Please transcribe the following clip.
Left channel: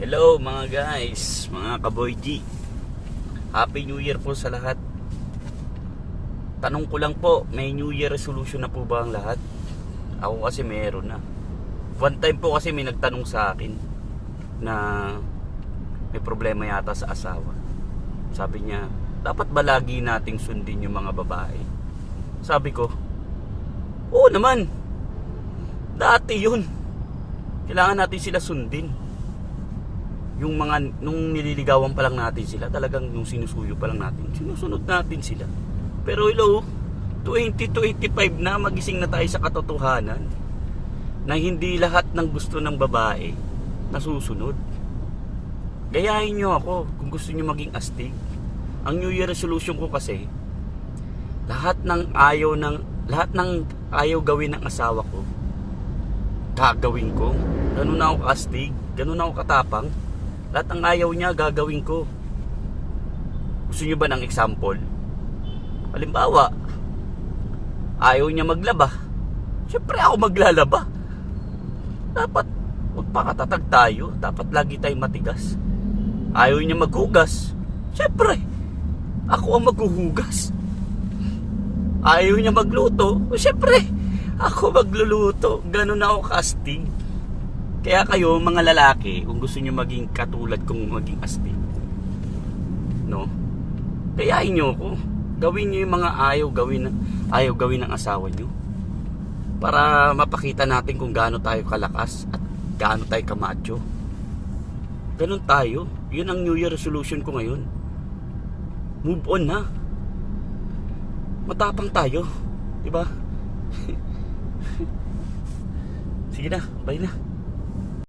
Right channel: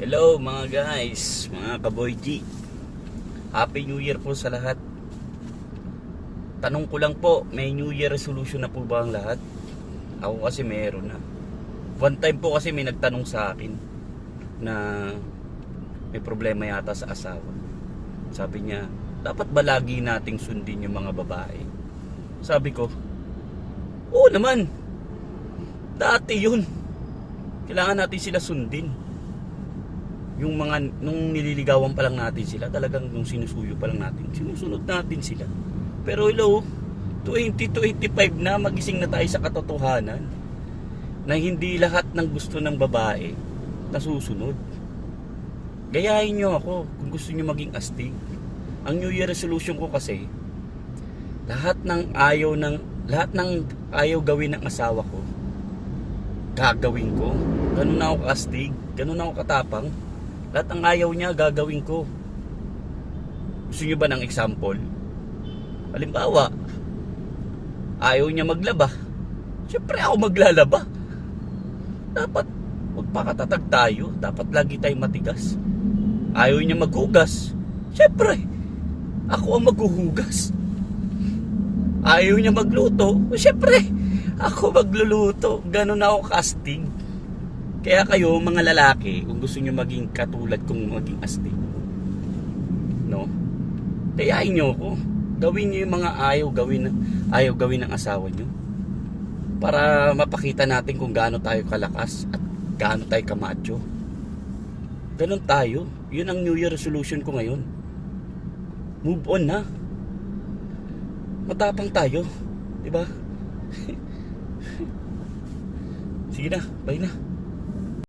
Hello mga guys, mga kaboy G. Happy New Year po sa lahat. Tanong ko lang po, may New Year resolution na po ba ang lahat? Ako kasi meron na. One time po kasi may nagtanong sa akin na may problema yata sa asawa. Sabi niya, dapat ba lagi nating sundin yung mga babae? Sabi ko, oo naman. Dati yun. Kailangan natin sila sundin. Yung mga, nung nililigawan pa lang natin sila, talagang nung sinusuyo pa lang natin, sinusunod natin sila. Pero hello, 2025 na, magising na tayo sa katotohanan na hindi lahat ng gusto ng babae nasusunod. Gayahin nyo ako kung gusto nyo maging astig. Ang New Year resolution ko kasi, lahat ng ayaw gawin ng asawa ko, gagawin ko. Ganun na ako kastig, ganun na ako katapang. Lahat ng ayaw niya, gagawin ko. Gusto niyo ba ng example? Halimbawa, ayaw niya maglaba. Siyempre ako maglalaba. Dapat magpakatatag tayo. Dapat lagi tayong matigas. Ayaw niya maghugas. Siyempre, ako ang maghuhugas. Ayaw niya magluto. Siyempre, ako magluluto. Ganun ako kastig. Kaya kayo mga lalaki, kung gusto nyo maging katulad kong maging astig, no? Kayain nyo ako. Gawin nyo yung mga ayaw gawin ng asawa nyo. Para mapakita natin kung gaano tayo kalakas at gaano tayo kamacho. Ganun tayo. Yun ang New Year resolution ko ngayon. Move on na. Matapang tayo. Diba? Sige na, bye na.